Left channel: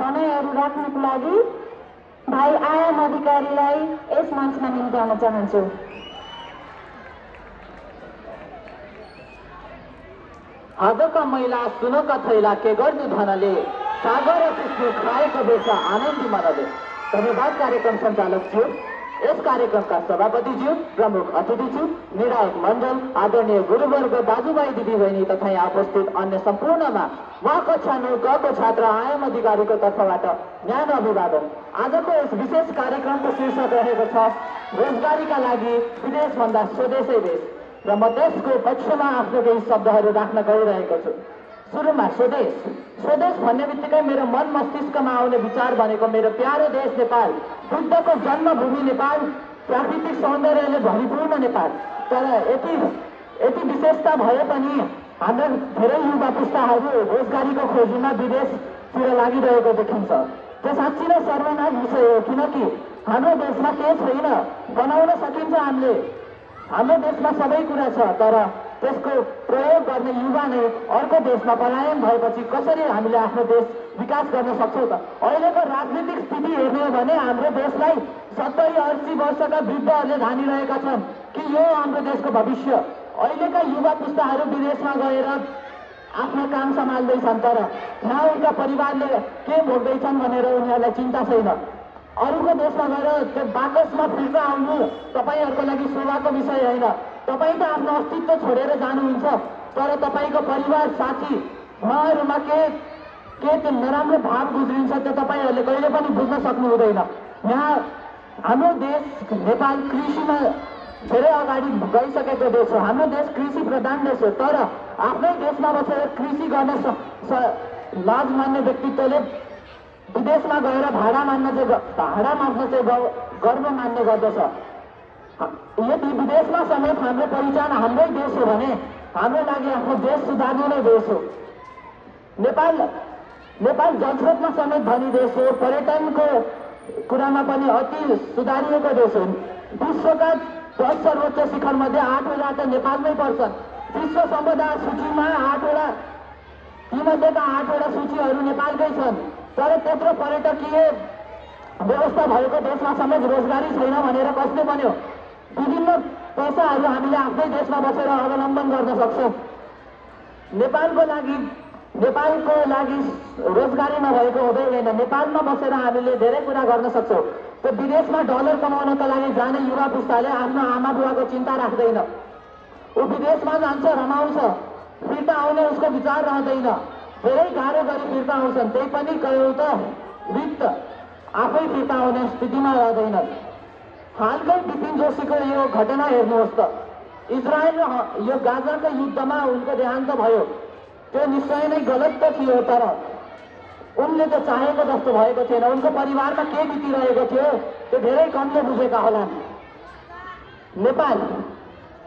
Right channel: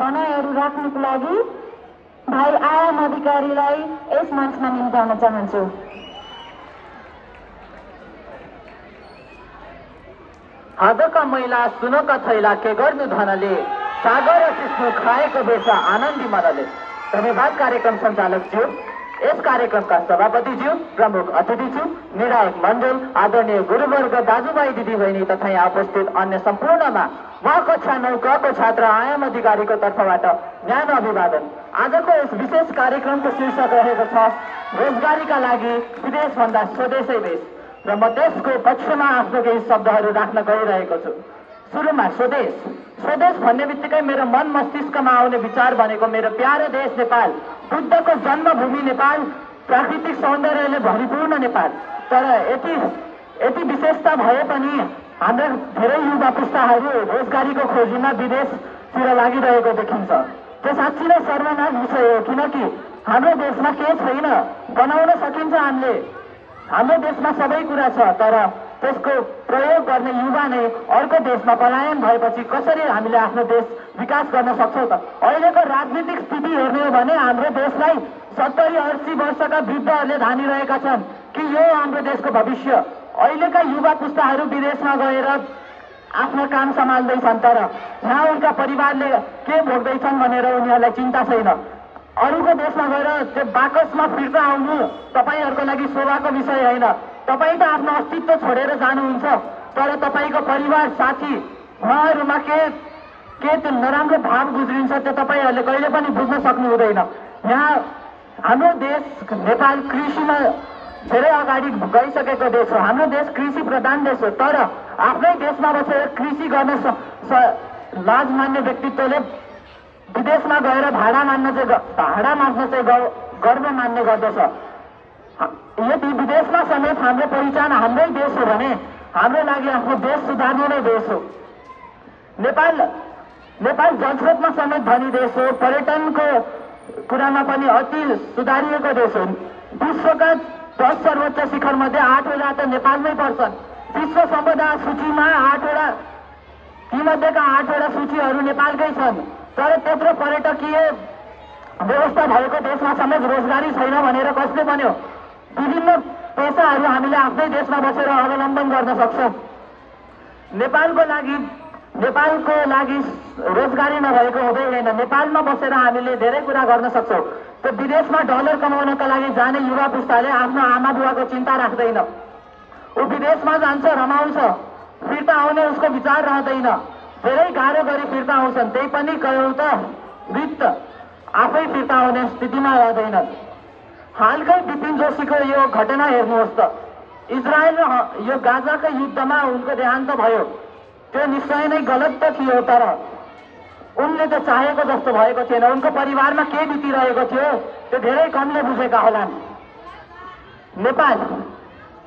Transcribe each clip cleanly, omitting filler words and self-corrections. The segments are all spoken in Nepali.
भनाइहरू राख्नको लागि भाइ आयाम अधिकारीलाई यस मञ्चमा निम्ताउन चाहन्छु। आजका महिला सुनका थैला के गर्नु धनले सागर सिस्नु खाएको बेच आनन्दी मरले। धन्यवाद कार्यक्रम सञ्चालक ज्यू, यस कार्यक्रमका सभापतिज्यू, प्रमुख अतिथिज्यू, निर्णायक मण्डल, आदरणीय गुरुवर्ग दाजुभाइ दिदीबहिनी तथा यहाँ उपस्थित अन्य सम्पूर्णमा म कक्षा 9 क छात्र आयाम अधिकारीको तर्फबाट न्यानो अभिवादन। आजको यस विशेष कार्यक्रमको शीर्षक रहेको छ रोजगारीका लागि विदेशभन्दा स्वदेशै बेस र म त्यसको पक्षमा आफ्नो केही शब्दहरू राख्न गइरहेको छु। सुरुमा स्वदेश। स्वदेश भन्ने बित्तिकै मेरो मन मस्तिष्कमा आउने विचार भनेको मेरो प्यारो देश नेपाल, बुद्धको जन्मभूमि नेपाल, प्राकृतिक सौन्दर्यले भरिपूर्ण नेपाल। तर यति विशेषता भए पनि हाम्रा धेरै युवा पुस्ताहरू रोजगारीको खोजीमा विदेशतिर लागिरहेको देखिन्छ। त्यो साँच्चै नै सर्वनाश विषय हो, किनकि हाम्रो देशमा केही छैन। बनाउन सकिन्छ, हाम्रो देशमा सबै कुरा छ, तर त्यसको प्रयोग गर्ने युवा नै अर्को देशमा पलायन भएपछि कसरी हामीले आफ्नो देश विकास गर्न सक्छौँ त? अहिलेको राजनीतिक स्थिति हेर्ने हो भने हाम्रो देशलाई 70-80 वर्षका वृद्धहरूले धानिरहेका छन् कि यो हाम्रो देशको भविष्य। अहिलेका युवा पुस्ताहरू विदेशमा गएर आफ्नो काम सम्हाल्दैछन्, तर यहाँ उनका परिवारले के भोग्दैछन् भनेर उनीहरूलाई चिन्ता छैन। अरूको देशमा गएर त्यो बाकसमा फिर्ता आउनु तपाईँहरूको लागि शोभाको विषय होइन। तपाईँ त आफ्नो अस्तित्व छोडेर जानुहुन्छ, तर तपाईँको परिवार साथी उहाँहरूमा के त्यो नराम्रो भाव गुज्रिन्छ त्यो तपाईँहरूले कहिले पनि बुझ्न सक्नु हुँदैन। यहाँ हाम्रो देश नेपाल कृषिमा धेरै अगाडि गइसकेको देश हो। हाम्रो देश कृषि प्रधान देश हो, तर आफ्नै देशमा बसेर कृषि गर्ने लाज मान्ने व्यक्तित्वले विदेशमा गएर भाडा माग्न चाहिँ गर्व मान्ने गर्दछ। यदि विदेशमा समेत हाम्रो पहिचान हाम्रै देश हो भने हाम्रो लागि आफ्नो देश सुधार्नु नै देश हो। नेपाल जलस्रोतमा समेत धनी देश हो, पर्यटनको कुरामा पनि अति सुधारिएको देश हो। विश्वका 10 सर्वोच्च शिखर मध्ये 8वटा त नेपालमै पर्छन्। विश्व सम्पदा सूचीमा 8वटा, तीमध्येका 8वटा सूचीहरू नेपालकै छन्। तर त्यत्रो पर्यटकीय व्यवस्था भएको देशमा समेत रोजगारी छैन भनेर कसले भन्यो? विभिन्न पेसाहरू हामीले आफ्नै देशमा बसेर अवलम्बन गर्न सक्छौँ। नेपालको लागि रोजगारी नभएको हुँदैन। नेपालमा बसेर हामीले धेरै कुरा गर्न सक्छौँ। त्यो विदेशमा डलर कमाउनका लागि जाने युवा पुस्ताले आफ्नो आमा बुवाको चिन्ता राख्दैन। ऊ विदेशमा जान्छ, रमाउँछ, फिर्ता आउने उसको विचार रहँदैन। धेरै गाह्रो गरी फिर्ता आउँछन्, त्यही पनि कयौँ त वित्त आफै फिर्ता आउने स्थितिमा रहँदैन। हालकै बिपिन जोशीको यो घटना हेर्नुहोस् त। इजरायल र यो गाजाको युद्धमा उनको देहान्त भयो। त्यो निश्चय नै गलत त थियो, तर उनले त चाहेको जस्तो भएको थिएन। उनको परिवारमा के बितिरहेको थियो त्यो धेरै कमले बुझेका होला।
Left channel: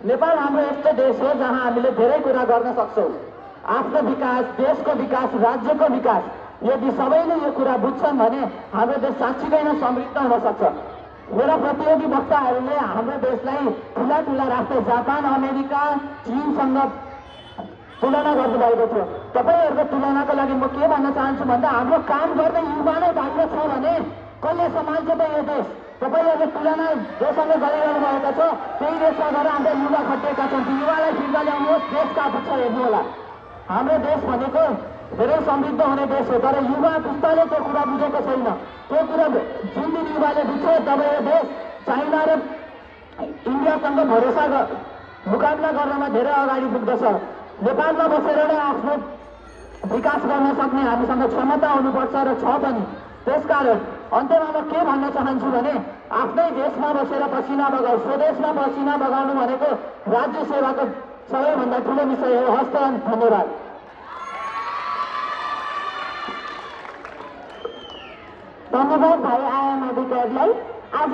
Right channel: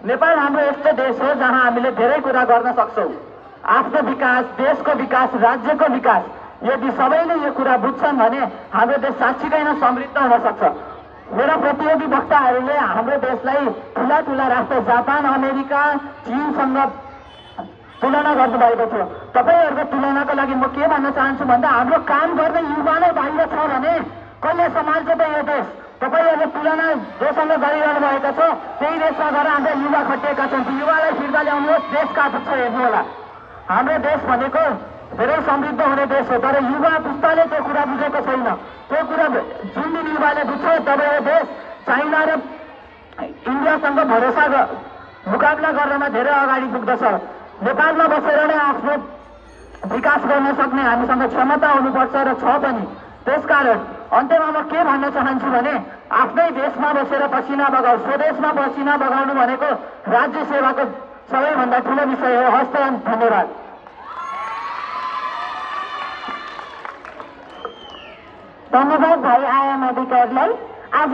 नेपाल हाम्रो यस्तो देश हो जहाँ हामीले धेरै कुरा गर्न सक्छौँ। आफ्नो विकास, देशको विकास, राज्यको विकास यदि सबैले यो कुरा बुझ्छन् भने हाम्रो देश साँच्चीकै नै समृद्ध हुन सक्छ। मेरा प्रतियोगी वक्ताहरूले हाम्रो देशलाई ठुला राष्ट्र जापान, अमेरिका, चीनसँग तुलना गर्नुभएको थियो। तपाईँहरूको तुलनाको लागि म के भन्न चाहन्छु भन्दा हाम्रो काम गर्ने युवा नै बाहिर छ भने कसले सम्हाल्छ त यो देश? तपाईँहरूले तुलना जोसँग गरिरहनु भएको छ, त्यही देशमा गएर हाम्रा युवा खटिएका छन्। युवालाई फिर्ता ल्याउनुहोस्, देश कहाँ पुग्छ हेर्नु होला। हाम्रो देश भनेको धेरै समृद्ध हुने देश हो, तर युवा पुस्ताले त्यो कुरा बुझेको छैन। त्यो कुरा जुन दिन युवाले बुझ्छ तब यो देश चाइना र इन्डियासँग मुकाबला गर्नमा धेरै अगाडि पुग्दछ। नेपालमा बसेर नै आफ्नो विकास गर्न सक्ने हामीसँग क्षमता हुनुपर्छ र छ पनि। त्यसकारण अन्त्यमा म के भन्न चाहन्छु भने आफ्नै देशमा बसेर पसिना बगाऊ, स्वदेशमा पसिना बगाउनु भनेको राज्य सेवाको सबैभन्दा ठुलो विषय हो। हस्त, धन्यवाद। धन्यवाद भाइ आयाम अधिकारीलाई। आज